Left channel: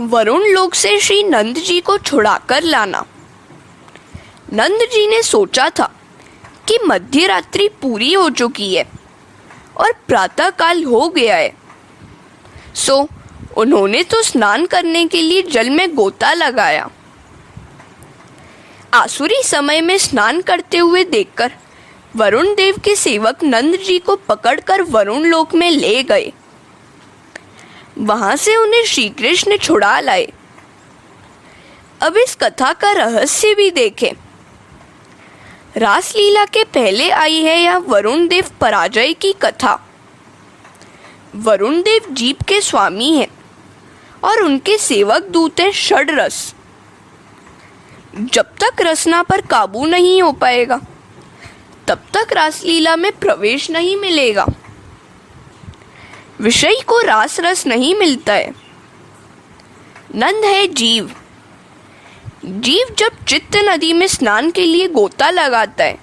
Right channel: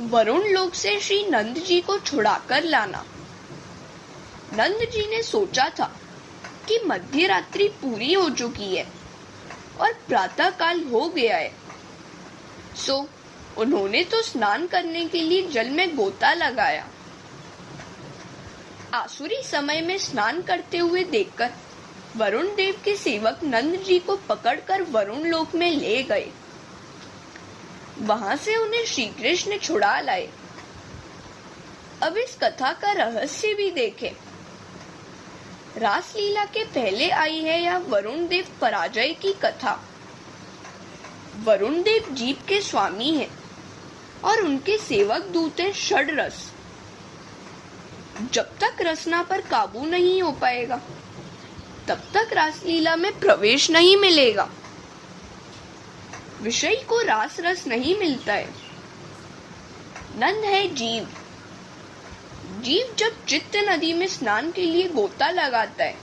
वरुण लोक से श्री नंद जी को छुड़ाकर लाना। नंद जी ने सोचा था कि मध्य रात्रि पूरी हो चुकी है और प्रातः काल हो गया है, सो उन्होंने तो स्नान करने के लिए जल में गोता लगाया। आसुरी समय में स्नान करते हुए देखकर वरुण देव के सेवक नंद जी को पकड़कर वरुण लोक में ले गए। वहां से उन्हें श्री कृष्ण छुड़ा लाए। अब इस कथा का रहस्य भी देखें। रासलीला के पहले आई है यह वरुण देव पराजय की कथा। वरुण देव जीव के स्वामी हैं और उनके सेवक दूत हैं षड्रस। जब तक रसना पर काबू नहीं हो पाएगा तब तक रासलीला में प्रवेश नहीं मिलेगा। विषय को रास रस नहीं मिलता है। नंद है जीव। जीव जब चित्त नदी में स्नान के लिए गोता लगाता है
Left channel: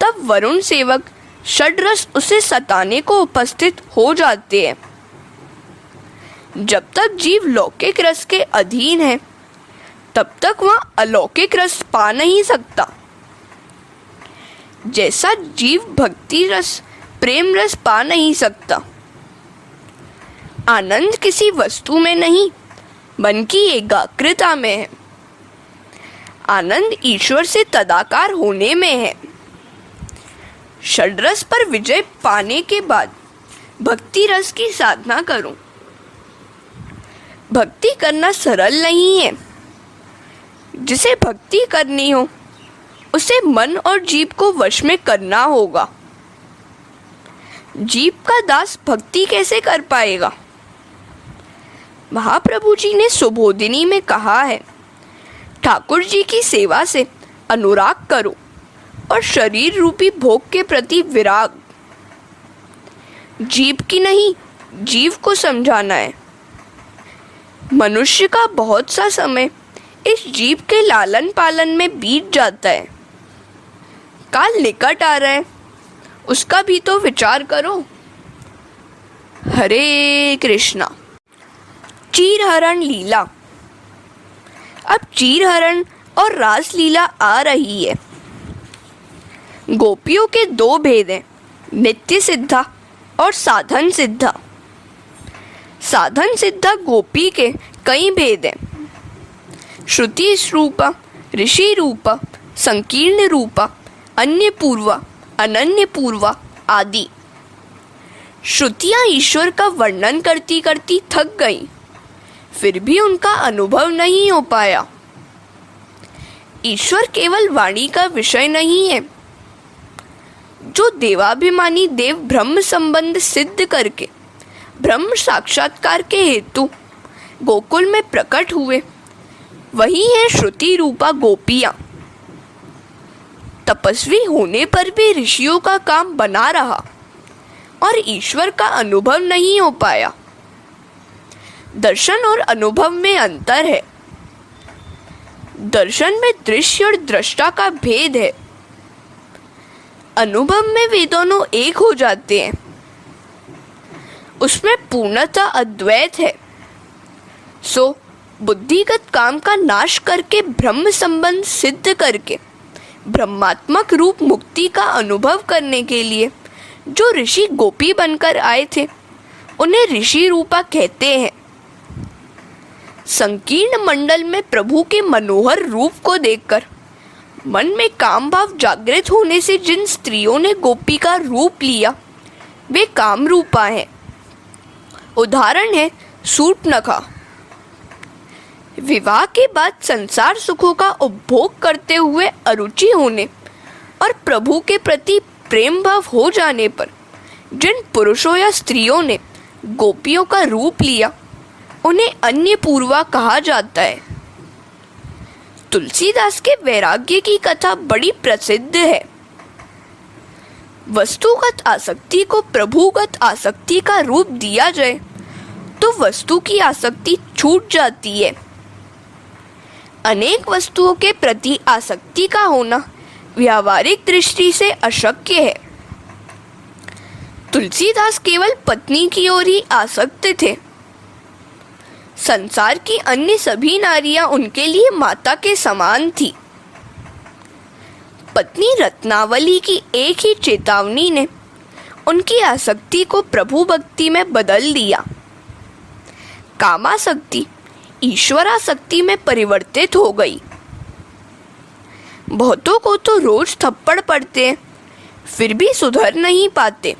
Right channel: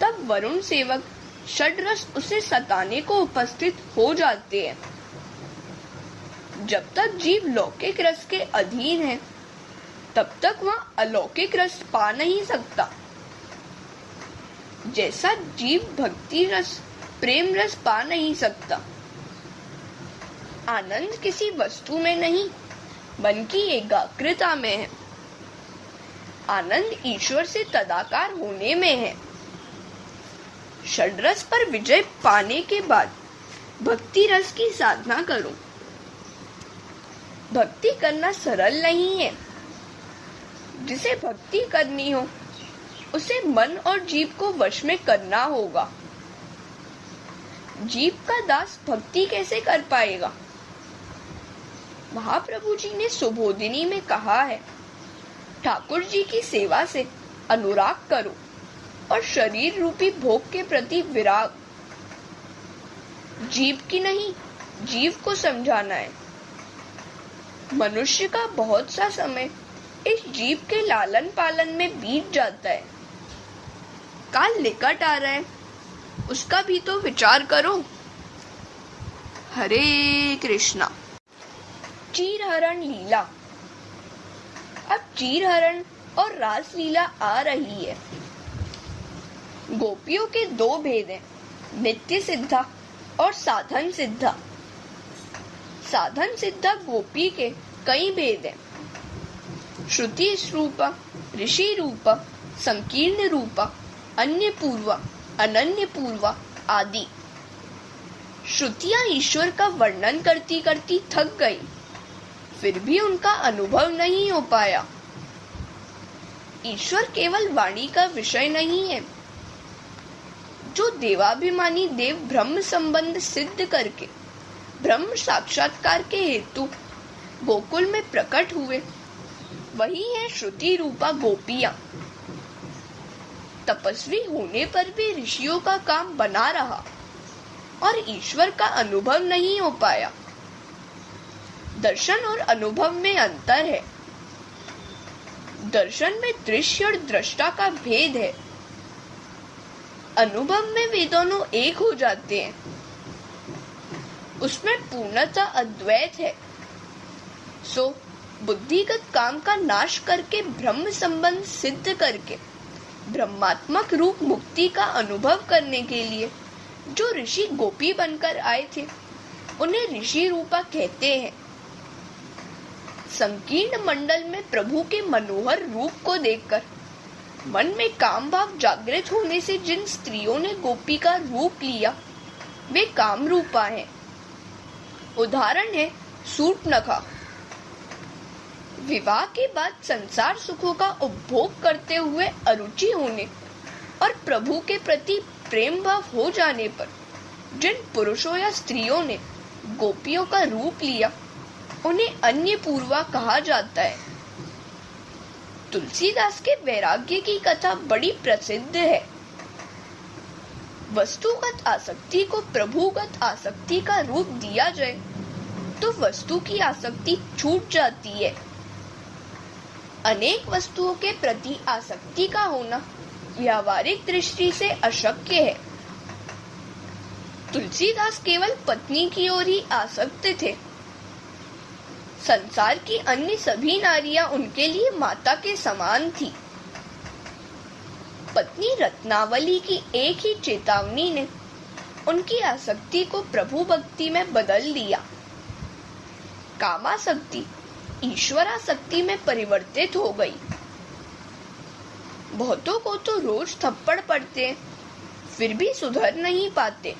तब वरुण सेवक षड्रस उसे सताने को उपस्थित हो जाते हैं। जब तक जीव लौकिक रस के अधीन है तब तक वह अलौकिक रस पा नहीं सकता। जैसा जीव भक्ति रस प्रेम रस पा नहीं सकता। आनंद किसी वस्तु में नहीं बल्कि एकाग्रता में है। आनंद ईश्वर से तदाकार होने में है। षड्रस पर विजय पाने के बाद भक्ति रस की साधना करूं। भक्ति करना सरल नहीं है। जिसे भक्ति करनी हो उसे मन और जीव को वश में करना होगा। जीव का दास भक्ति कैसे कर पाएगा? महाप्रभु जी ने सुबोधिनी में कहा है, ठाकुर जी की सेवा से अनुराग करो और शरीर रूपी भोग के प्रति विराग। जीव की नहीं, जीव को समझाना है। मनुष्य का बहुत सा समय इस जीव के लालन पालन में बीत जाता है। काल निकट आ रहा है, उसका भी तो विचार करो। हरे कृष्णा। चीरहरण लीला। अब चीरहरण और रास लीला आ रही है। गोपियों के दो भेद हैं, नित्य सिद्धा और साधन सिद्धा। साधन सिद्धा गोपी के कई भेद हैं। श्रुति रूपा, ऋषि रूपा, संकीर्ण रूपा, अन्य पूर्वा, अनन्य पूर्वा आदि। श्रुतियां ईश्वर का वर्णन करती करती थक गई, फिर भी उनका अनुभव नहीं हो पाया। ईश्वर केवल वाणी का विषय नहीं है। जो देवाभिमानी देव ब्रह्म संबंध सिद्ध करके ब्रह्म साक्षात्कार के हेतु गोकुल में प्रकट हुए, वही है श्रुति रूपा गोपियां। तपस्वी होने पर भी ऋषियों का काम बना रहा और ईश्वर का अनुभव नहीं हो पाया। दर्शन और अनुभव में अंतर है। दर्शन में दृश्य और दृष्टा का भेद है। अनुभव में वे दोनों एक हो जाते हैं। उसमें पूर्णतः अद्वैत है। सो बुद्धिगत काम का नाश करके ब्रह्म संबंध सिद्ध करके ब्रह्मात्मक रूप मुक्ति का अनुभव करने के लिए जो ऋषि गोपी बनकर आए थे उन्हें ऋषि रूपा कहते हैं। संकीर्ण मंडल में प्रभु के मनोहर रूप को देखकर मन में काम भाव जागृत होने से जिन स्त्रियों ने गोपी का रूप लिया वे काम रूपा हैं। उदाहरण है शूर्पणखा। विवाह के बाद संसार सुखों का उपभोग करते हुए अरुचि होने और प्रभु के प्रति प्रेम भाव हो जाने पर जिन पुरुषों या स्त्रियों ने गोपियों का रूप लिया उन्हें अन्य पूर्वा कहा जाता है। तुलसीदास के वैराग्य की कथा बड़ी प्रसिद्ध है। वस्तुगत आसक्ति को प्रभुगत आसक्ति का रूप दिया जाए तो वस्तु की आसक्ति छूट जाती है। अनेक वस्तुओं के प्रति आसक्ति का होना व्यावहारिक दृष्टि से अशक्य है। तुलसीदास केवल पत्नी की ओर ही आसक्त थे। संसार की अन्य सभी नारियां उनके लिए माता के समान थी। पत्नी रत्नावली की एक ही चेतावनी ने उनकी आसक्ति को प्रभु भक्ति में बदल दिया। कामासक्ति ईश्वरासक्ति में परिवर्तित हो गई। बहुतों को तो रोज थप्पड़ पड़ते हैं, फिर भी सुधर नहीं पाते।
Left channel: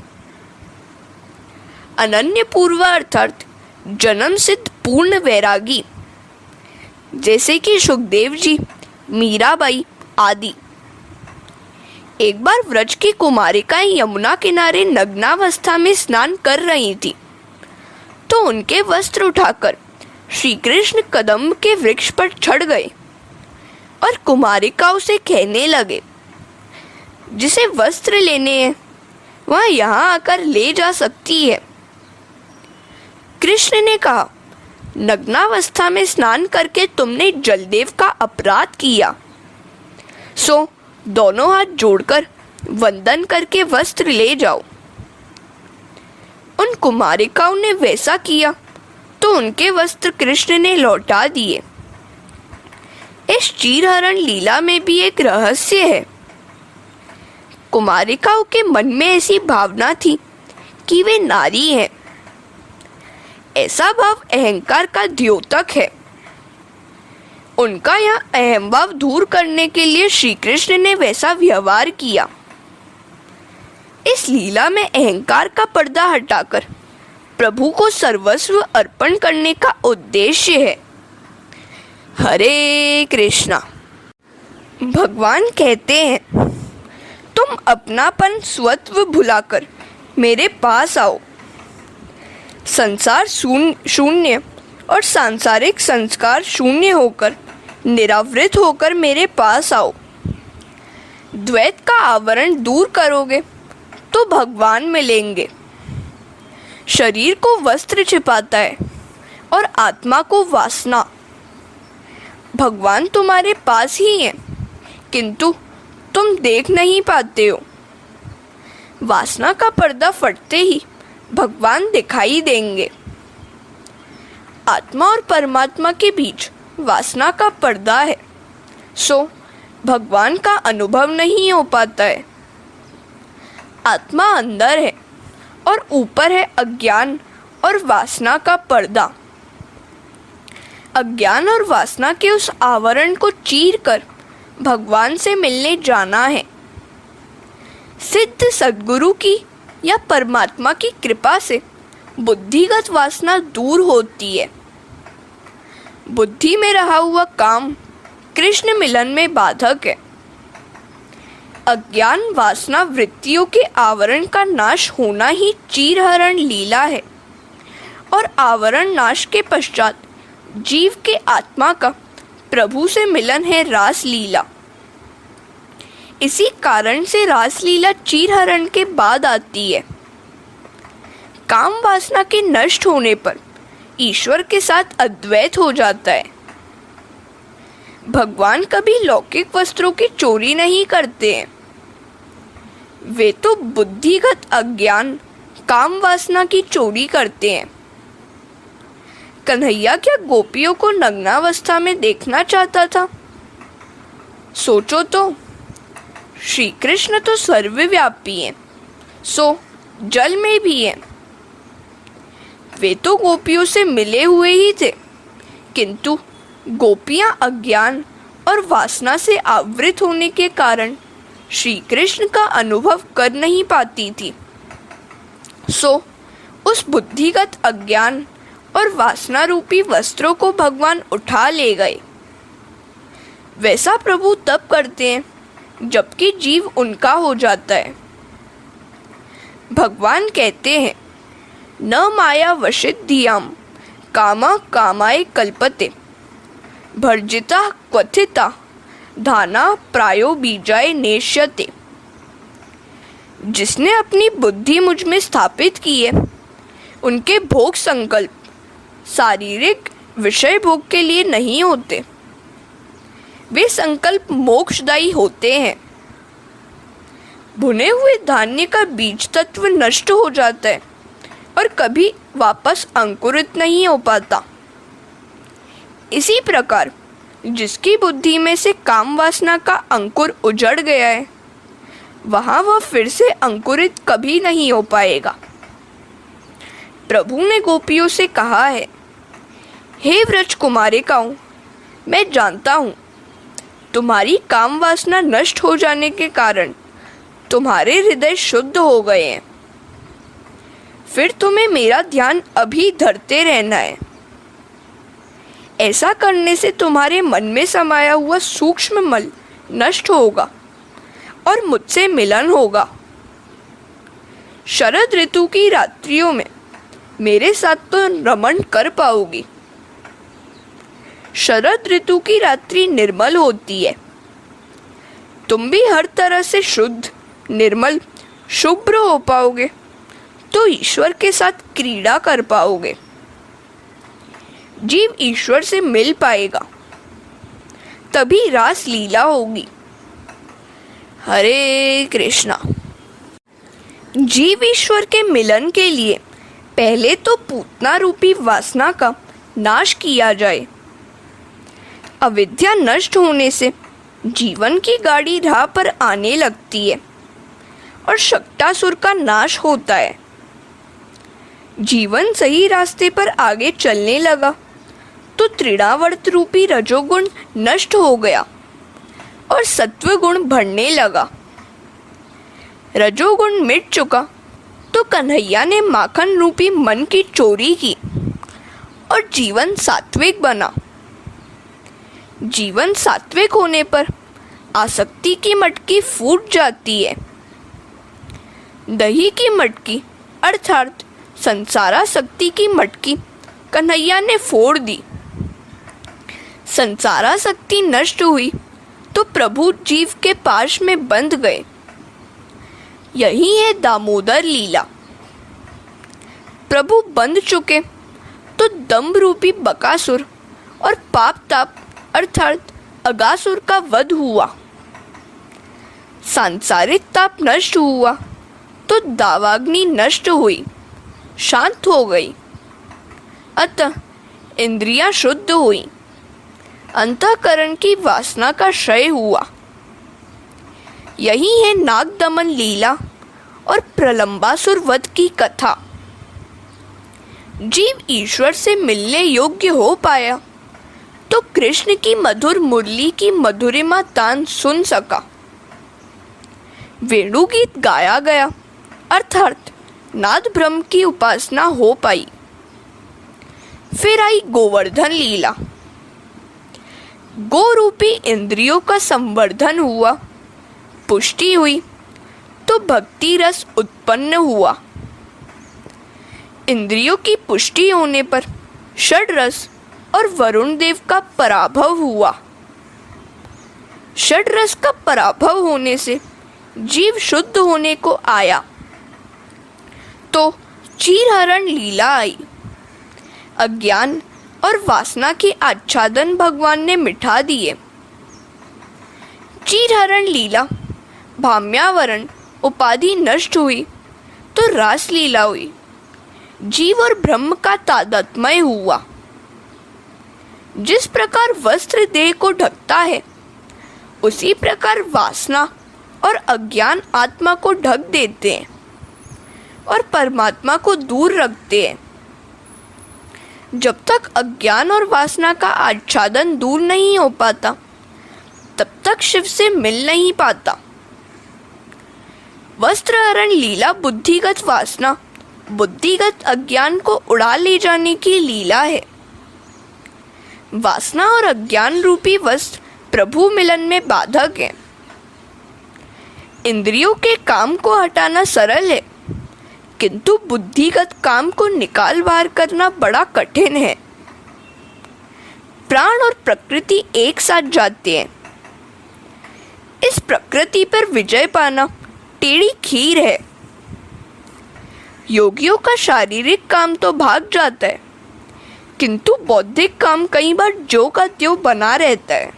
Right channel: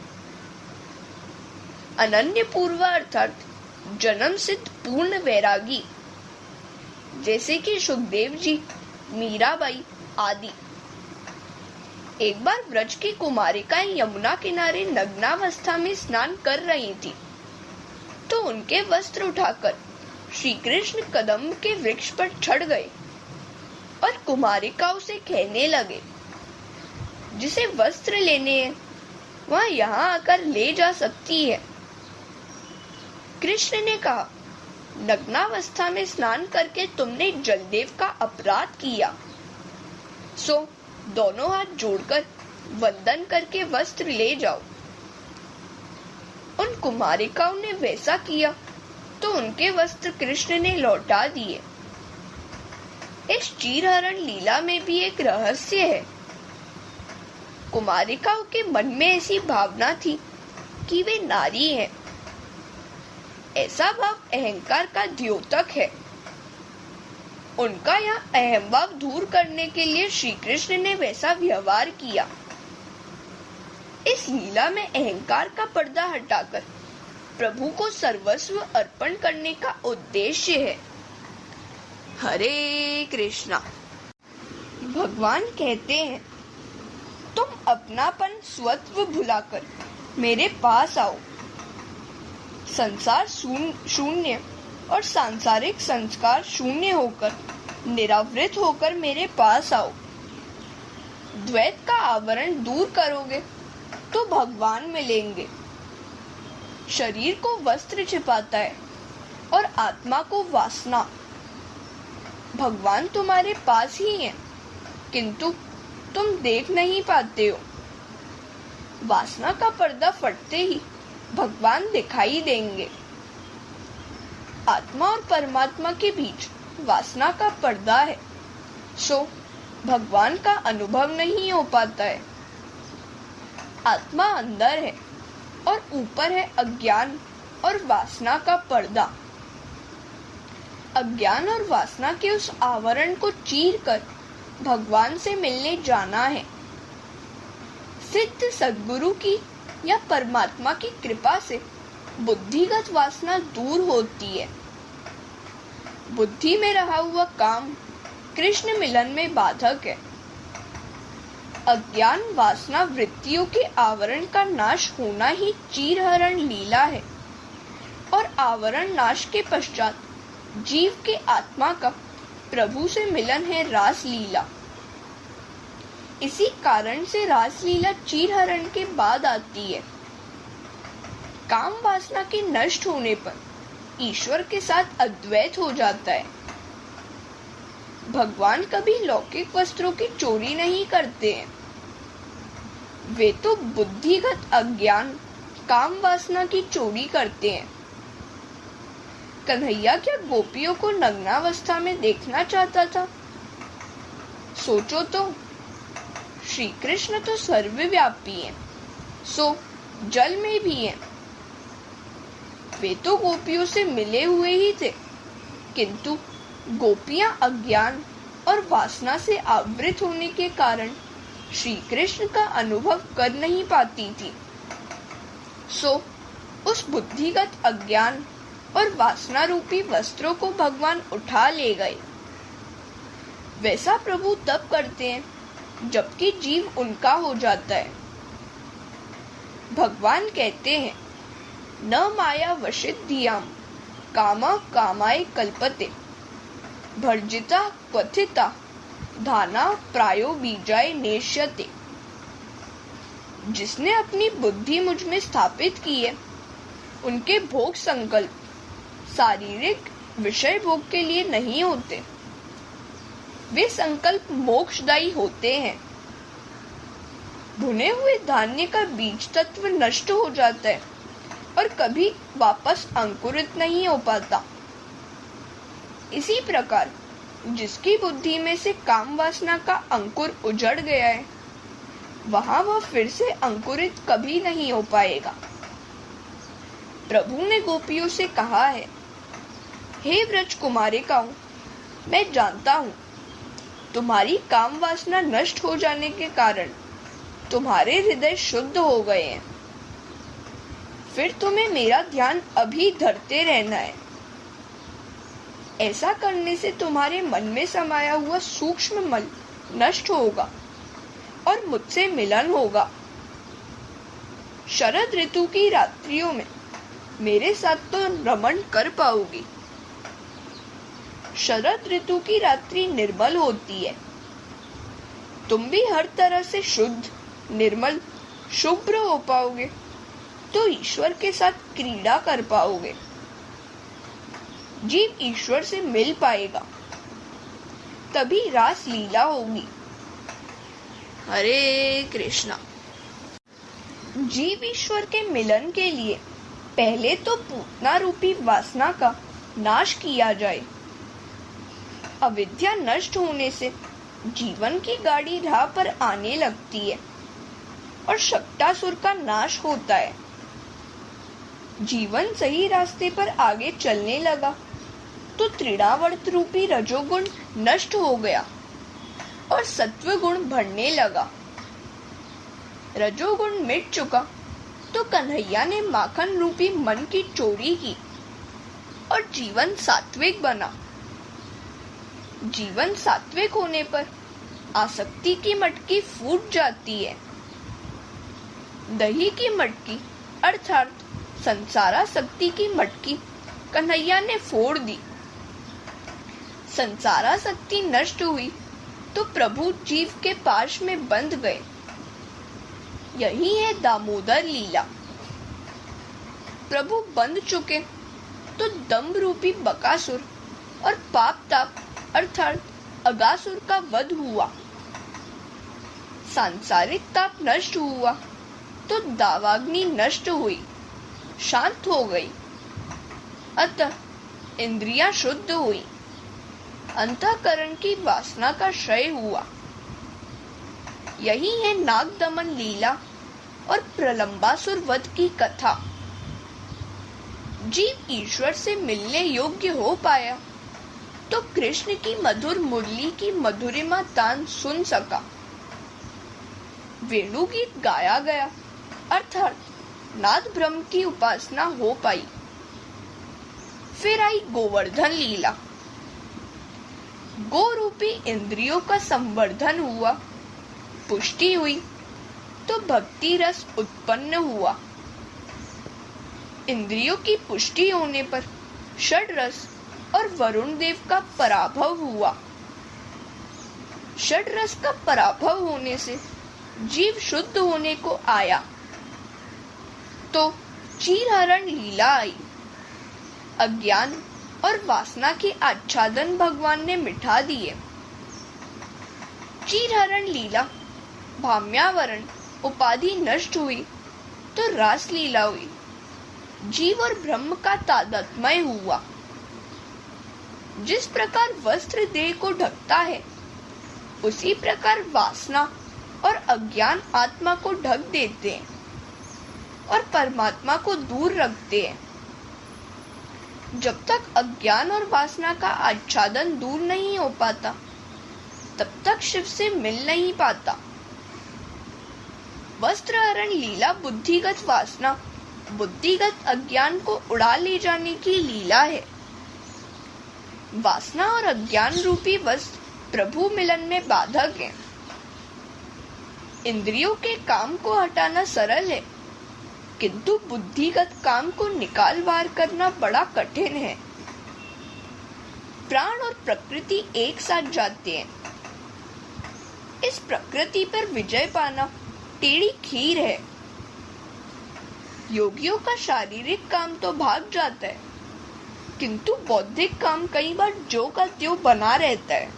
अनन्य पूर्व अर्थात जन्म सिद्ध पूर्ण वैरागी जैसे कि सुखदेव जी, मीराबाई आदि। एक बार व्रज की कुमारिकाएं यमुना किनारे नग्नावस्था में स्नान कर रही थी, तो उनके वस्त्र उठाकर श्री कृष्ण कदम्ब के वृक्ष पर चढ़ गए और कुमारिकाओं से कहने लगे, जिसे वस्त्र लेने हैं वह यहाँ आकर ले जा सकती है। कृष्ण ने कहा, नग्नावस्था में स्नान करके तुमने जलदेव का अपराध किया, सो दोनों हाथ जोड़कर वंदन करके वस्त्र ले जाओ। उन कुमारिकाओं ने वैसा किया तो उनके वस्त्र कृष्ण ने लौटा दिए। इस चीरहरण लीला में भी एक रहस्य है। कुमारिकाओं के मन में ऐसी भावना थी कि वे नारी हैं। ऐसा भाव अहंकार का द्योतक है। उनका यह अहंभाव दूर करने के लिए श्री कृष्ण ने वैसा व्यवहार किया। इस लीला में अहंकार का पर्दा हटाकर प्रभु को सर्वस्व अर्पण करने का उद्देश्य है। हरे कृष्णा। भगवान कहते हैं, तुम अपनापन स्वत्व भुलाकर मेरे पास आओ। संसार शून्य और सांसारिक संस्कार शून्य होकर निरावृत होकर मेरे पास आओ। द्वैत का आवरण दूर करोगे तो भगवान मिलेंगे। शरीर को वस्त्र छिपाता है और आत्मा को वासना। भगवान तुम्हारे पास ही है, किंतु तुम देख नहीं पाते हो। वासना का पर्दा फटते ही भगवान दिखाई देंगे। आत्मा और परमात्मा के बीच वासना का पर्दा है, सो भगवान का अनुभव नहीं हो पाता है। आत्मा अंदर है और ऊपर है अज्ञान और वासना का पर्दा। अज्ञान और वासना के उस आवरण को चीरकर भगवान से मिलने जाना है। सिद्ध सद्गुरु की या परमात्मा की कृपा से बुद्धिगत वासना दूर होती है। बुद्धि में रहा हुआ काम कृष्ण मिलन में बाधक है। अज्ञान वासना वृत्तियों के आवरण का नाश होना ही चीरहरण लीला है, और आवरण नाश के पश्चात जीव के आत्मा का प्रभु से मिलन है रास लीला। इसी कारण से रास लीला चीरहरण के बाद आती है। काम वासना के नष्ट होने पर ईश्वर के साथ अद्वैत हो जाता है। भगवान कभी लौकिक वस्त्रों की चोरी नहीं करते हैं। वे तो बुद्धिगत अज्ञान काम वासना की चोरी करते हैं। कन्हैया क्या गोपियों को नग्नावस्था में देखना चाहता था? सोचो तो, श्री कृष्ण तो सर्वव्यापी हैं, सो जल में भी हैं। वे तो गोपियों से मिले हुए ही थे, किंतु गोपियां अज्ञान और वासना से आवृत होने के कारण श्री कृष्ण का अनुभव कर नहीं पाती थी। सो उस बुद्धिगत अज्ञान और वासना रूपी वस्त्रों को भगवान उठा ले गए। वैसा प्रभु तब करते हैं जबकि जीव उनका हो जाता है। भगवान कहते हैं, न माया वशित धियाम कामा कामाय कल्पते भर्जिता क्वथिता धाना प्रायो बीजाय नेष्यते। जिसने अपनी बुद्धि मुझ में स्थापित की है, उनके भोग संकल्प शारीरिक विषय भोग के लिए नहीं होते। वे संकल्प मोक्षदायी होते हैं। भुने हुए धान्य का बीज तत्व नष्ट हो जाता है और कभी वापस अंकुरित नहीं हो पाता। इसी प्रकार जिसकी बुद्धि में से काम वासना का अंकुर उजड़ गया है, वहां वह फिर से अंकुरित कभी नहीं हो पाएगा। प्रभु ने गोपियों से कहा है, हे व्रज कुमारिकाओं, मैं जानता हूँ तुम्हारी काम वासना नष्ट हो जाने के कारण तुम्हारे हृदय शुद्ध हो गए हैं। फिर तुम्हें मेरा ध्यान अभी धरते रहना है। ऐसा करने से तुम्हारे मन में समाया हुआ सूक्ष्म मल नष्ट होगा और मुझसे मिलन होगा। शरद ऋतु की रात्रियों में मेरे साथ तो रमण कर पाओगी। शरद ऋतु की रात्रि निर्मल होती है। तुम भी हर तरह से शुद्ध, निर्मल, शुभ्र हो पाओगे तो ईश्वर के साथ क्रीड़ा कर पाओगे। जीव ईश्वर से मिल पाएगा, तभी रास लीला होगी। हरे कृष्णा। जीव ईश्वर के मिलन के लिए पहले तो पूतना रूपी वासना का नाश किया जाए। अविद्या नष्ट होने से जीवन की गाड़ी राह पर आने लगती है और शक्तासुर का नाश होता है। जीवन सही रास्ते पर आगे चलने लगा तो तृणावर्त रूपी रजोगुण नष्ट हो गया और सत्व गुण बढ़ने लगा। रजोगुण मिट चुका तो कन्हैया ने माखन रूपी मन की चोरी की और जीवन सात्विक बना। जीवन सात्विक होने पर आसक्ति की मटकी फूट जाती है। दही की मटकी अर्थात संसारासक्ति की मटकी कन्हैया ने फोड़ दी। संसारासक्ति नष्ट हुई तो प्रभु जीव के पाश में बंध गए। यही है दामोदर लीला। प्रभु बंध चुके तो दंभ रूपी बकासुर और पाप ताप अर्थात अगासुर का वध हुआ। सांसारिक ताप नष्ट हुआ तो दावाग्नि नष्ट हुई, शांत हो गई। अतः इंद्रियां शुद्ध हुई, अंतःकरण की वासना का क्षय हुआ। यही है नाग दमन लीला और प्रलंबासुर वध की कथा। जीव ईश्वर से मिलने योग्य हो पाया तो कृष्ण की मधुर मुरली की मधुरिमा तान सुन सका। वेणु गीत गाया गया अर्थात नाद ब्रह्म की उपासना हो पाई। फिर आई गोवर्धन लीला। गो रूपी इंद्रियों का संवर्धन हुआ, पुष्टि हुई तो भक्ति रस उत्पन्न हुआ। इंद्रियों की पुष्टि होने पर षड रस और वरुण देव का पराभव हुआ। षड रस का पराभव होने से जीव शुद्ध होने को आया तो चीरहरण लीला आई। अज्ञान और वासना के आच्छादन भगवान ने मिटा दिए। चीरहरण लीला, भाम्यावरण उपाधि नष्ट हुई तो रास लीला हुई। जीव और ब्रह्म का तादात्म्य हुआ। जिस प्रकार वस्त्र देह को ढकता है, उसी प्रकार वासना और अज्ञान आत्मा को ढक देते हैं और परमात्मा को दूर रखते हैं। जब तक अज्ञान और वासना का आच्छादन दूर नहीं हो पाता, तब तक शिव से मिल नहीं पाता। वस्त्रहरण लीला बुद्धिगत वासना, बुद्धिगत अज्ञान को उड़ा ले जाने की लीला है। वासना और अज्ञान रूपी वस्त्र प्रभु मिलन में बाधक है। इंद्रियों के काम को हटाना सरल है, किंतु बुद्धिगत काम को निकाल बाहर करना बड़ा कठिन है। प्राण और प्रकृति एक साथ जाते हैं। इस प्रकृति पर विजय पाना टेढ़ी खीर है। योगियों का शारीरिक काम तो भाग जाता है, किंतु बौद्धिक काम कई बार ज्यों का त्यों बना रहता है।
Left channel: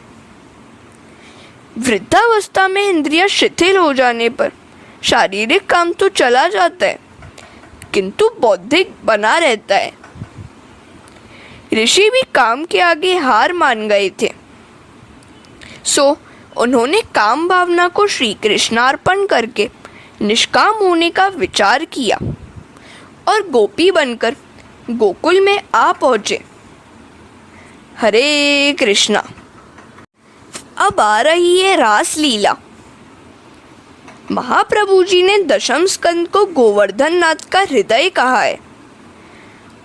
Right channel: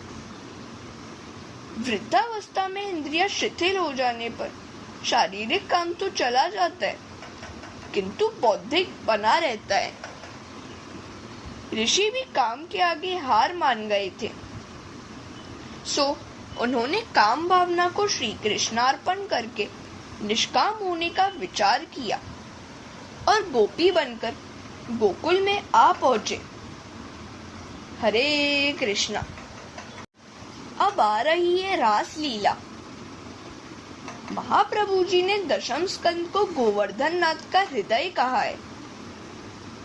वृद्धावस्था में इंद्रियां शिथिल हो जाने पर शारीरिक काम तो चला जाता है, किंतु बौद्धिक बना रहता है। ऋषि भी काम के आगे हार मान गए थे। सो उन्होंने काम भावना को श्री कृष्णार्पण करके निष्काम होने का विचार किया और गोपी बनकर गोकुल में आ पहुंचे। हरे कृष्णा। अब आ रही है रास लीला। महाप्रभु जी ने दशम स्कंद को गोवर्धन नाथ का हृदय कहा है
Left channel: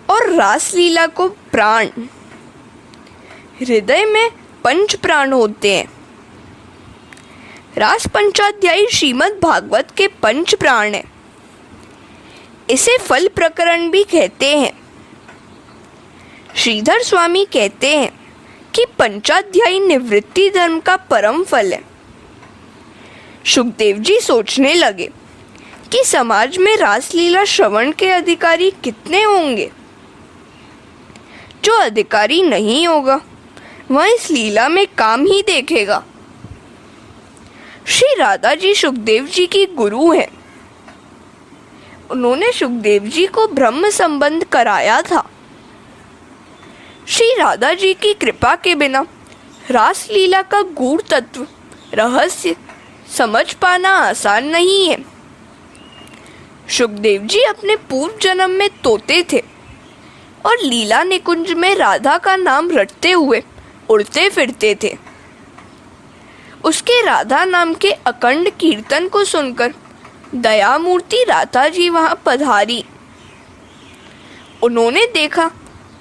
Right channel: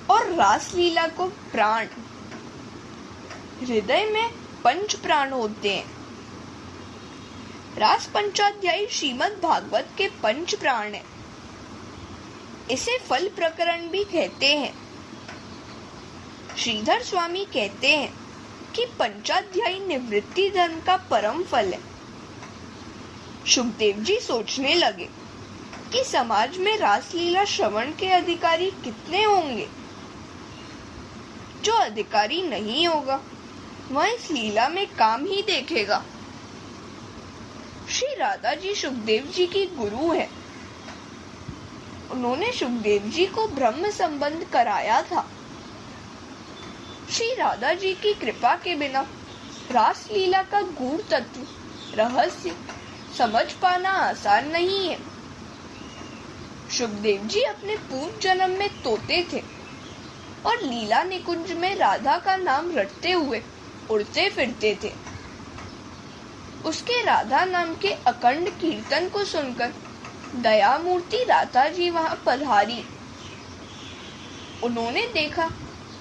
और रास लीला को प्राण। हृदय में पंच प्राण होते हैं। रास पंचाध्यायी श्रीमद् भागवत के पंच प्राण है। इसे फल प्रकरण भी कहते हैं। श्रीधर स्वामी कहते हैं कि पंचाध्यायी निवृत्ति धर्म का परम फल है। सुखदेव जी सोचने लगे कि समाज में रासलीला श्रवण के अधिकारी कितने होंगे। जो अधिकारी नहीं होगा वह इस लीला में काम ही देखेगा। श्री राधा जी सुखदेव जी की गुरु है। उन्होंने सुखदेव जी को ब्रह्म संबंध कराया था। श्री राधा जी की कृपा के बिना रास लीला का गूढ़ तत्व रहस्य समझ पाना आसान नहीं है। सुखदेव जी अपने पूर्व जन्म में तोते थे और लीला निकुंज में राधा का नाम रटते हुए उड़ते फिरते थे। उसके राधा नाम के अखंड कीर्तन को सुनकर दयामूर्ति राधा जी वहां पधारी। उन्होंने देखा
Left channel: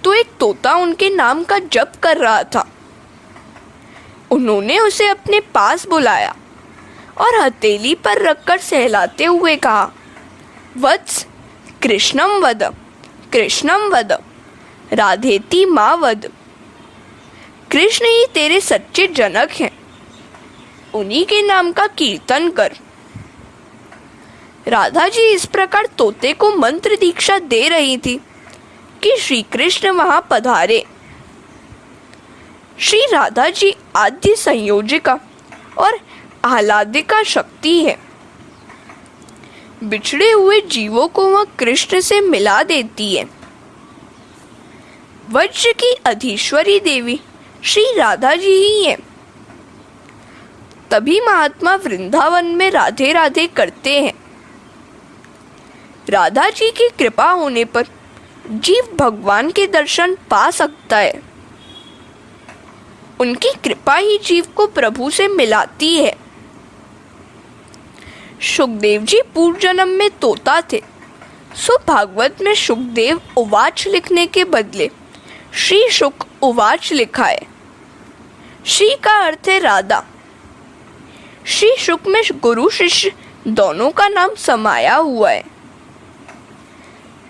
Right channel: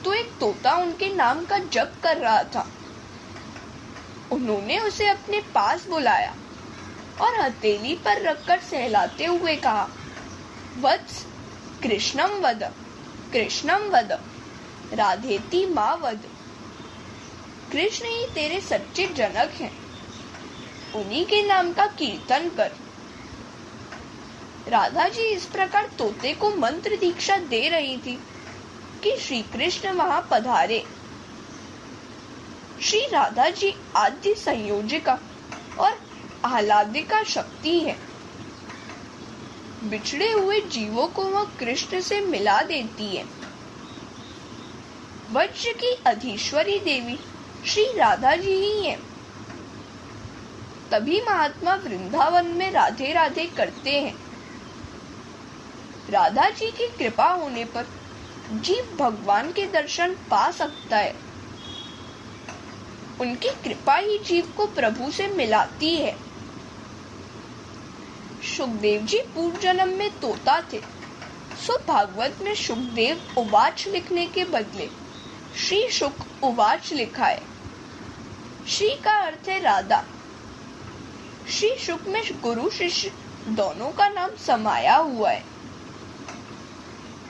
तो एक तोता उनके नाम का जप कर रहा था। उन्होंने उसे अपने पास बुलाया और हथेली पर रखकर सहलाते हुए कहा, वत्स कृष्णम वद, कृष्णम वद, राधेति माँ वद। कृष्ण ही तेरे सच्चे जनक हैं, उन्हीं के नाम का कीर्तन कर। राधा जी इस प्रकार तोते को मंत्र दीक्षा दे रही थी कि श्री कृष्ण वहां पधारे। श्री राधा जी आद्य संयोजिका और आह्लादिका शक्ति है। बिछड़े हुए जीवों को वह कृष्ण से मिला देती है। वज्र की अधीश्वरी देवी श्री राधा जी ही है। तभी महात्मा वृंदावन में राधे राधे करते हैं। राधा जी की कृपा होने पर जीव भगवान के दर्शन पा सकता है। उनकी कृपा ही जीव को प्रभु से मिलाती है। सुखदेव जी पूर्व जन्म में तोता थे, सो भागवत में सुखदेव उवाच लिखने के बदले श्री शुक उवाच लिखा है। श्री का अर्थ है राधा। श्री शुक में गुरु शिष्य दोनों का नाम समाया हुआ है।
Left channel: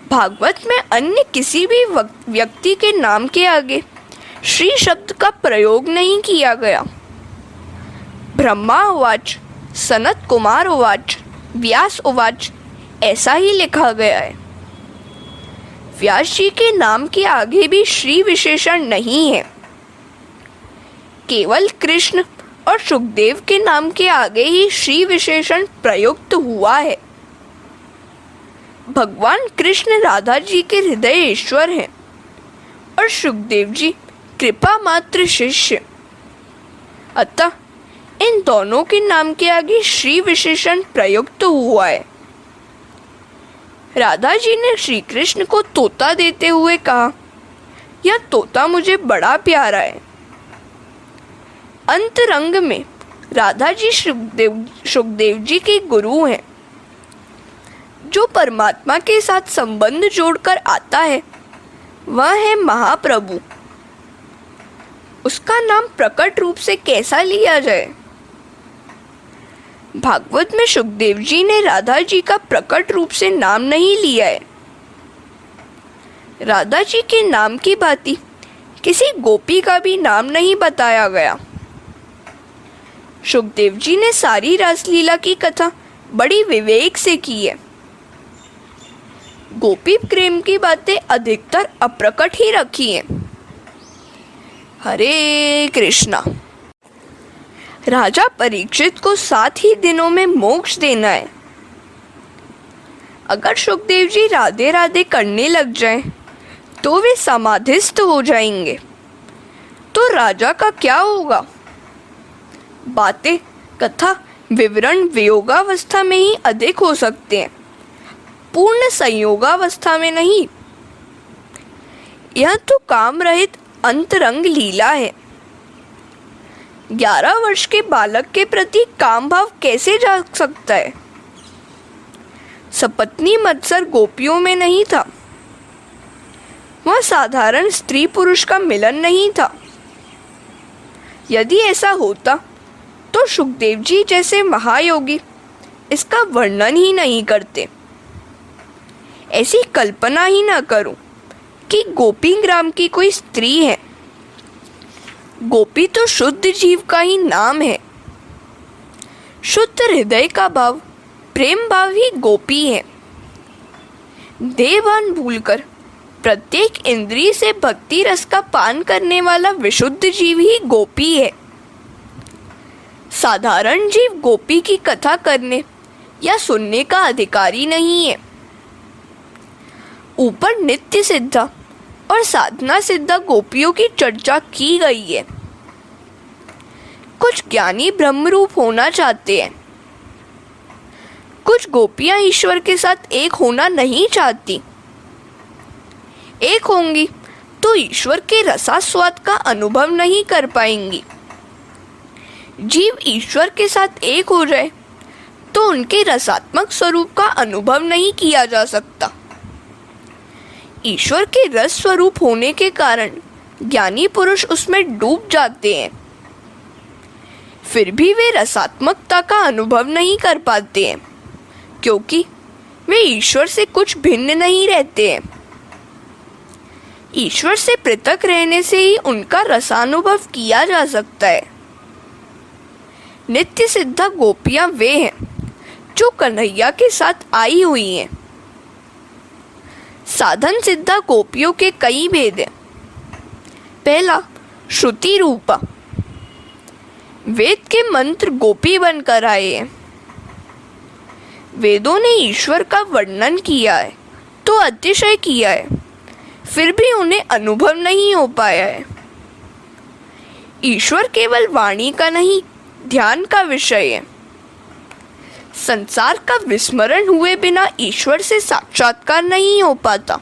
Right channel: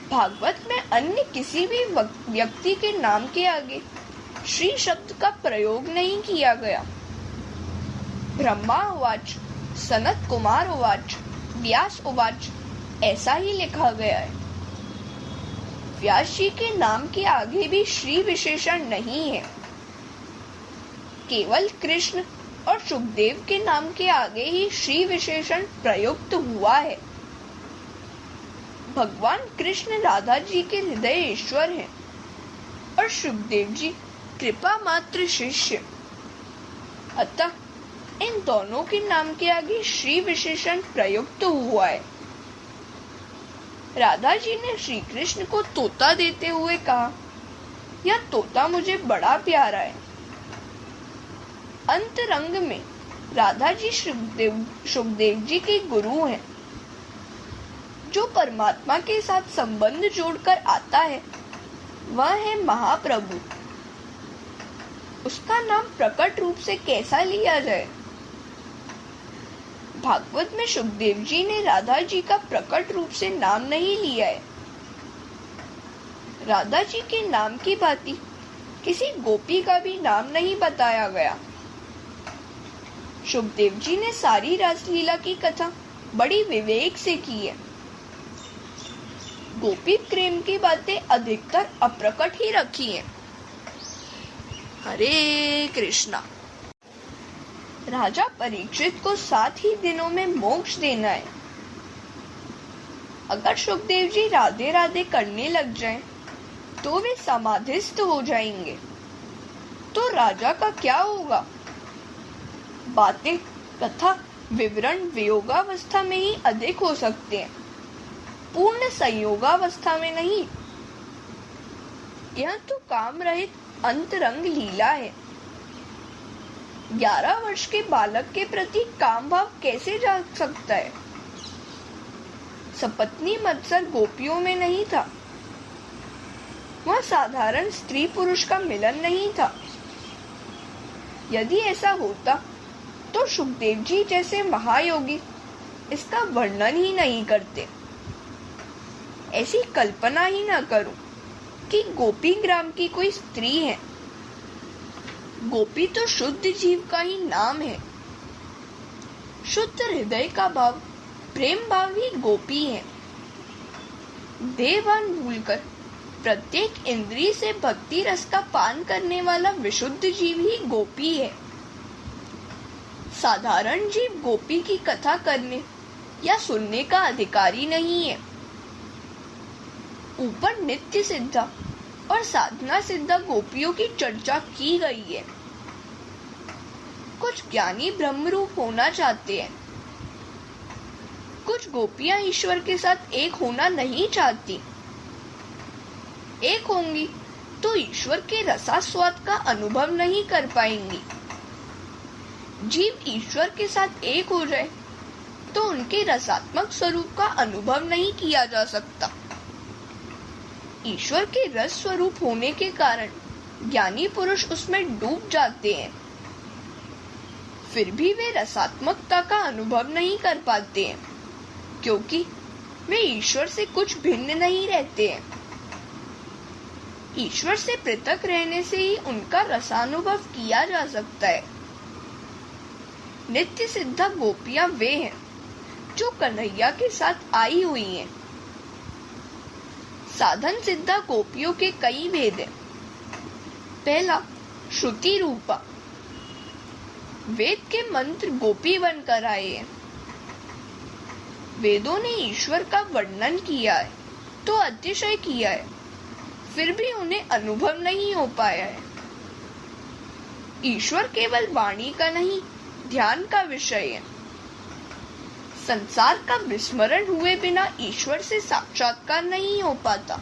भागवत में अन्य किसी भी व्यक्ति के नाम के आगे श्री शब्द का प्रयोग नहीं किया गया। ब्रह्मा उवाच, सनत कुमार उवाच, व्यास उवाच ऐसा ही लिखा गया है। व्यास जी के नाम के आगे भी श्री विशेषण नहीं है। केवल कृष्ण और सुखदेव के नाम के आगे ही श्री विशेषण प्रयुक्त हुआ है। भगवान कृष्ण राधा जी के हृदय ईश्वर हैं और सुखदेव जी कृपा मात्र शिष्य। अतः इन दोनों के नाम के आगे श्री विशेषण प्रयुक्त हुआ है। राधा जी ने श्री कृष्ण को तोता देते हुए कहा, यह तोता मुझे बड़ा प्यारा है। अंतरंग में राधा जी सुखदेव जी के गुरु हैं। जो परमात्मा के साथ संबंध जोड़कर आता है वह है महाप्रभु। उसका नाम प्रकट रूप से कैसा लिया जाए? भागवत में सुखदेव जी ने राधा जी का प्रकट रूप से नाम नहीं लिया है। राधा जी के नाम की भांति किसी गोपी का भी नाम नहीं बताया गया। सुखदेव जी ने सारी रासलीला की कथा बड़ी विवेक से की है। गोपी प्रेम की बातें अधिकतर अप्रकट ही रखी हैं। हरे कृष्णा। राजा परीक्षित को 7 ही दिनों में मोक्ष देना है। अगर सुखदेव जी राधे राधे करने लग जाएं, तो वे समाधिस्थ हो जाएंगे। तो राजा का क्या होगा? बातें, कथा, विवरण वियोगावस्था में ही अधिक हो सकते हैं, पूर्ण संयोगावस्था में नहीं। यह तो काम रहित अंतरंग लीला है। 11 वर्ष के बालक के प्रति काम भाव कैसे जाग सकता है? सपत्नी मत्सर गोपियों में नहीं था। वह साधारण स्त्री पुरुष का मिलन नहीं था। यदि ऐसा होता तो सुखदेव जी जैसे महायोगी इसका वर्णन ही नहीं करते। ऐसी कल्पना ही न करूं कि गोपी ग्राम की कोई स्त्री है। गोपी तो शुद्ध जीव का ही नाम है। शुद्ध हृदय का भाव, प्रेम भाव ही गोपी है। देहभान भूलकर प्रत्येक इंद्रिय से भक्ति रस का पान करने वाला विशुद्ध जीव ही गोपी है। साधारण जीव गोपी की कथा करने या सुनने का अधिकारी नहीं है। ऊपर नित्य सिद्धा और साधना सिद्धा गोपियों की चर्चा की गई है। कुछ ज्ञानी ब्रह्मरूप होना चाहते हैं। कुछ गोपियां ईश्वर के साथ एक होना नहीं चाहती। एक होंगी तो ईश्वर के रसास्वाद का अनुभव नहीं कर पाएंगी। जीव ईश्वर के साथ एक हो जाए तो उनके रसात्मक स्वरूप का अनुभव नहीं किया जा सकता। ईश्वर के रस स्वरूप होने के कारण ज्ञानी पुरुष उसमें डूब जाते हैं। फिर भी वे रसात्मकता का अनुभव नहीं कर पाते हैं, क्योंकि वे ईश्वर से कुछ भिन्न नहीं रहते हैं। ईश्वर से पृथक रहने से ही उनका रसानुभव किया जा सकता है। नित्य सिद्धा गोपियां वे हैं जो कन्हैया के साथ आई हुई हैं। साधन सिद्धा गोपियों के कई भेद हैं। पहला, श्रुति रूपा। वेद के मंत्र गोपी बनकर आए हैं। वेदों ने ईश्वर का वर्णन किया है तो अतिशय किया है, फिर भी उन्हें अनुभव नहीं हो पाया है। ईश्वर केवल वाणी का नहीं, ध्यान का विषय है। संसार का विस्मरण हुए बिना ईश्वर से साक्षात्कार नहीं हो पाता।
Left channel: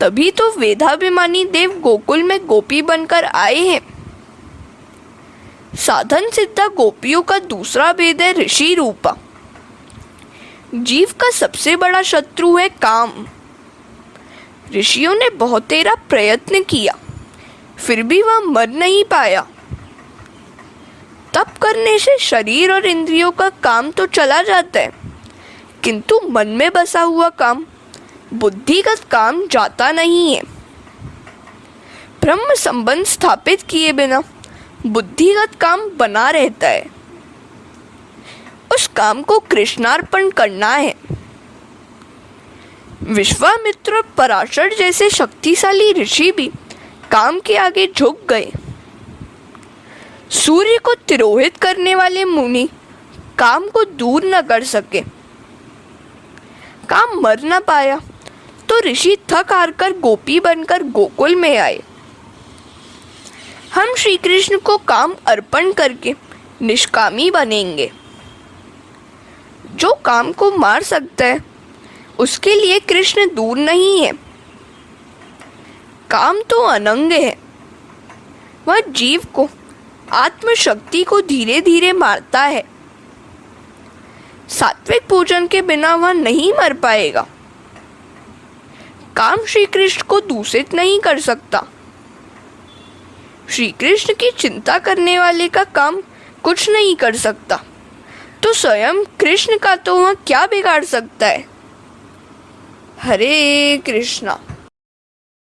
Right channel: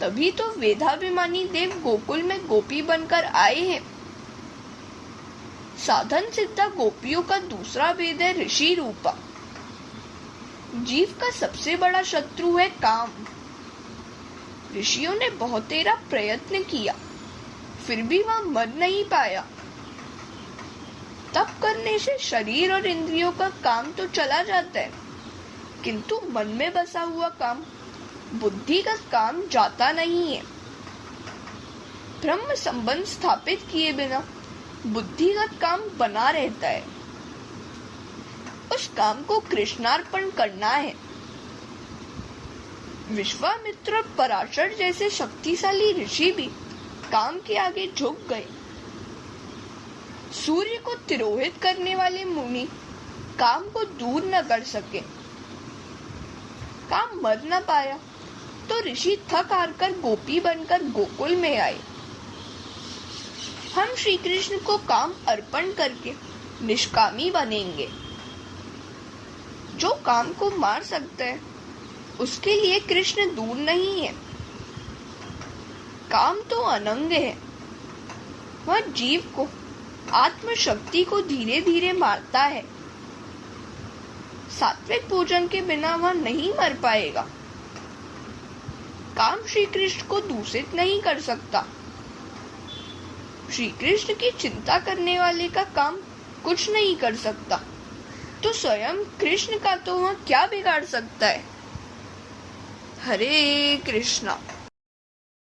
तभी तो वेदाभिमानी देव गोकुल में गोपी बनकर आए हैं। साधन सिद्धा गोपियों का दूसरा भेद है ऋषि रूपा। जीव का सबसे बड़ा शत्रु है काम। ऋषियों ने बहुतेरा प्रयत्न किया, फिर भी वह मर नहीं पाया। तप करने से शरीर और इंद्रियों का काम तो चला जाता है, किंतु मन में बसा हुआ काम, बुद्धिगत काम जाता नहीं है। ब्रह्म संबंध स्थापित किए बिना बुद्धिगत काम बना रहता है। उस काम को कृष्णार्पण करना है। विश्वामित्र और पराशर जैसे शक्तिशाली ऋषि भी काम के आगे झुक गए। सूर्य को तिरोहित करने वाले मुनि काम को दूर न कर सके। काम मर न पाया तो ऋषि थक हार कर गोपी बनकर गोकुल में आए। हम श्री कृष्ण को काम अर्पण करके निष्कामी बनेंगे। जो काम को मार सकता है उसके लिए कृष्ण दूर नहीं है। काम तो अनंग है। वह जीव को, आत्मशक्ति को धीरे धीरे मारता है। सात्विक भोजन के बिना वह नहीं मर पाएगा। काम श्री कृष्ण को दूषित नहीं कर सकता। श्री कृष्ण की चिंता करने वाले का काम कुछ नहीं कर सकता, तो स्वयं कृष्ण का तो वह क्या बिगाड़ सकता है। हरे कृष्णा।